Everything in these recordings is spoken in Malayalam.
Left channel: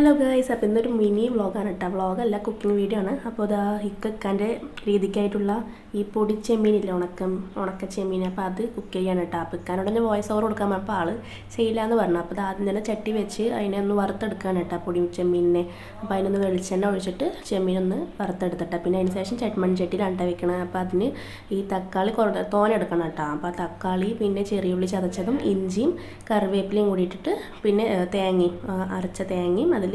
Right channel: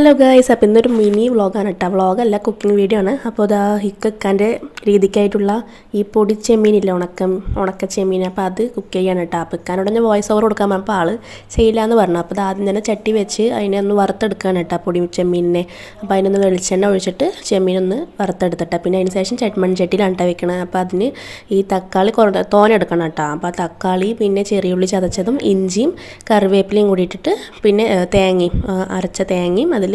ഹലോ ഗൈസ്, അപ്പോൾ ഇന്നൊരു മിനി വ്ളോഗാണ് കേട്ടോ. വ്ളോഗല്ല, കുക്കിംഗ് വീഡിയോ ആണ്. അപ്പോൾ അതാ ഹിക്കക്കാൻ്റെ രീതിക്കായിട്ടുള്ള ഈ പൊടി ചെമ്മീനില്ല, ഉണക്ക ചെമ്മീൻ. അപ്പോൾ അത് കുക്ക് ചെയ്യാണ് കേട്ടോ. അപ്പോൾ ഇക്കാനോട് ഞാൻ വോയിസ് ഓവർ കൊടുക്കാൻ പറഞ്ഞപ്പോൾ ആൾ ചെയ്യില്ല എന്ന് പറഞ്ഞു. അപ്പോൾ അത് ആദ്യം തന്നെ ചട്ടി വെച്ച് അതിനെ ഒന്ന് വറുത്തെടുക്കുകയാണ് കേട്ടോ, പൊടി ചെമ്മീനിനെ. അപ്പോൾ അതിനൊന്ന് വെളിച്ചെണ്ണ ഒഴിച്ചിട്ട് ചെമ്മീനൊന്ന് വറുത്തെടുത്തിട്ട് പിന്നെ അതിന് ശേഷം മൺചട്ടിയിലാണ് കേട്ടോ വെക്കണത്. അപ്പോൾ അതിന് ഈ തക്കാളി തോനെ എടുക്കണം കേട്ടോ. അപ്പോൾ തക്കാളി പിന്നെ ചെറിയുള്ളി ചതച്ചതും ഇഞ്ചിയും കറിവേപ്പിലയും കൂടി ഇട്ടിട്ട് പിന്നെ തേങ്ങയും അരച്ച തേങ്ങയും അതിൽ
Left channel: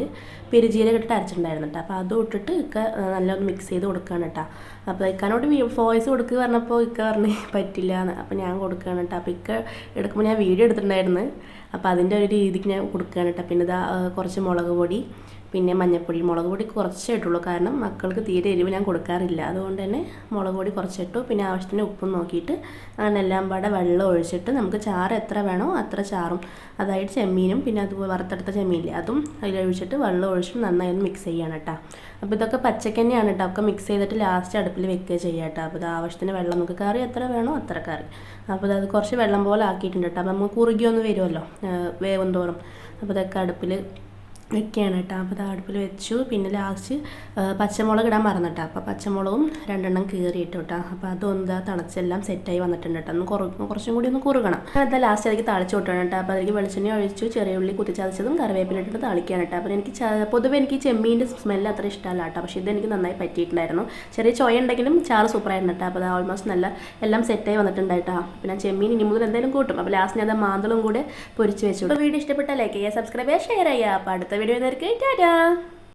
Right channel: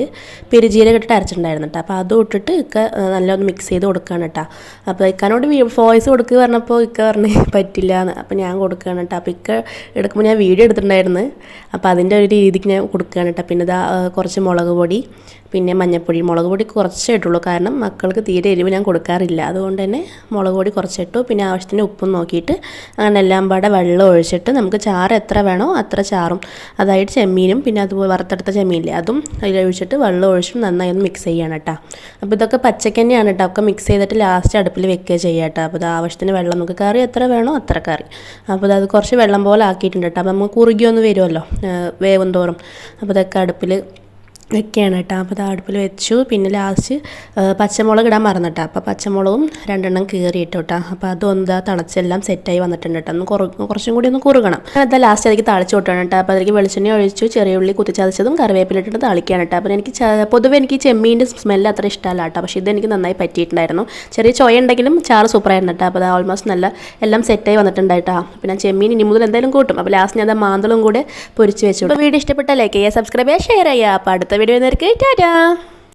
പെരുജീരകം ഇട്ടിട്ട് അരച്ചിട്ടുണ്ടായിരുന്നു കേട്ടോ. അപ്പോൾ അതും ഇട്ടിട്ട് നല്ലൊന്ന് മിക്സ് ചെയ്ത് കൊടുക്കുകയാണ് കേട്ടോ. അപ്പോൾ ഇക്കാനോട് വോയിസ് കൊടുക്കുക പറഞ്ഞപ്പോൾ ഇക്ക പറഞ്ഞ് പറ്റില്ല എന്ന്. അപ്പോൾ ഞാൻ കൊടുക്കുകയാണ് കേട്ടോ. അപ്പോൾ ഇക്ക എടുക്കുമ്പോൾ ഞാൻ വീഡിയോ എടുത്തിട്ടുണ്ടായിരുന്നു. അപ്പോൾ അതിൻ്റെ ഒരു രീതിക്ക് ഞാൻ കൊടുക്കുകയാണ് കേട്ടോ. പിന്നെ ഇതാ കുറച്ച് മുളക് പൊടി, പിന്നെ മഞ്ഞൾപ്പൊടി. മുളക് പൊടി കുറച്ചേ ഇട്ടുള്ളൂ, കാരണം മക്കൾക്ക് തീരെ എരിവ് ഞാൻ കൊടുക്കാറില്ല. അതുകൊണ്ട് തന്നെ മുളക് പൊടി കുറച്ചിട്ടു. പിന്നെ ആവശ്യത്തിന് ഉപ്പും നോക്കിയിട്ട് അങ്ങനെ എല്ലാം പാടെ വെള്ളം ഒഴിച്ചിട്ട് നമുക്ക് ചാറ് എത്ര വേണോ അത്ര ചാറും, അതായത് ചെമ്മീനും പിന്നെ അതുപോലെ വറുത്തെടുത്ത ചെമ്മീനില്ലേ അതും അതിലൊഴിച്ചിട്ട് വെള്ളം ഒഴിച്ചിട്ട് നന്നായി ഒന്ന് മിക്സ് ചെയ്യണം കേട്ടോ. അപ്പോൾ ഇതൊക്കെ പച്ചക്ക് തന്നെയാണ് കേട്ടോ. ഒക്കെ മിക്സ് ചെയ്തിട്ട് ലാസ്റ്റ് അടുപ്പിൽ വെക്കുക ചെയ്യുക കേട്ടോ. അപ്പോൾ ഇത് ആവശ്യത്തിന് വെള്ളം, നമുക്ക് കറി എത്ര വേണോ അത്ര കറി. അപ്പോൾ അത് കുറച്ച് വെള്ളം പോലെ ആക്കിയിട്ടുണ്ട് കേട്ടോ. അപ്പോൾ നമുക്ക് കുറുകിയൊന്ന് വരുമല്ലോ വേവും തോറും. അപ്പോൾ ഇതൊക്കെ അടുപ്പിൽ വെക്കുകയാണ് കേട്ടോ. അപ്പോൾ അത് അടുപ്പിൽ വെച്ചു. പിന്നെ ലാസ്റ്റ് പച്ചമുളക് ഇടാൻ മറന്നിട്ടാ. അപ്പോൾ പച്ചമുളകും 2 കീറിയിട്ടു കേട്ടോ. അപ്പോൾ അതൊന്ന് തിളച്ചെല്ലാം സെറ്റായി വന്നിട്ടുണ്ട് കേട്ടോ. ഒന്ന് കുറച്ചും കൂടി ഒന്ന് കുറുകണം. അതാ ലാസ്റ്റ് അതിലേക്ക് താളിച്ച് കൊട്ടാണ് കേട്ടോ. അപ്പോൾ അതിലേക്ക് വെളിച്ചെണ്ണ ഒഴിച്ചു, ചെറിയ ഉള്ളി കുത്തിച്ചതച്ചതും കറിവേപ്പിലിട്ടിട്ട് താളിക്കുകയാണ് കേട്ടോ. അപ്പോൾ എനിക്ക് പൊതുവെ എനിക്ക് ചെമ്മീൻ്റെ സ്മെല്ല് അത്ര ഇഷ്ടമല്ല കേട്ടോ. പക്ഷേ ഇതെനിക്ക് നന്നായി പറ്റിയിട്ടുണ്ടായിരുന്നു. ചെറിയ ചൊയ ഉണ്ടെങ്കിലും ചാറ് സൂപ്പറായിരുന്നു കേട്ടോ. അപ്പോൾ അത് ഓൾമോസ്റ്റ് നല്ല എല്ലാം സെറ്റായി വന്നിട്ടുണ്ടായിട്ടോ. പിന്നെ ചെമ്മീൻ ഇനി മുതൽ എന്തായാലും കൂട്ടും. അപ്പോൾ ലാസ്റ്റ് ഞാൻ മാന്തളും കൂടെ പൊരിച്ച് വെച്ചു. അപ്പോൾ വീഡിയോ ഇഷ്ടപ്പെട്ട ലൈക്ക് ചെയ്യുക, സബ്സ്ക്രൈബ് ചെയ്യുക, ഷെയർ ചെയ്യുക. അപ്പോൾ അടുത്ത വീഡിയോ നേർക്ക് ടാറ്റാ.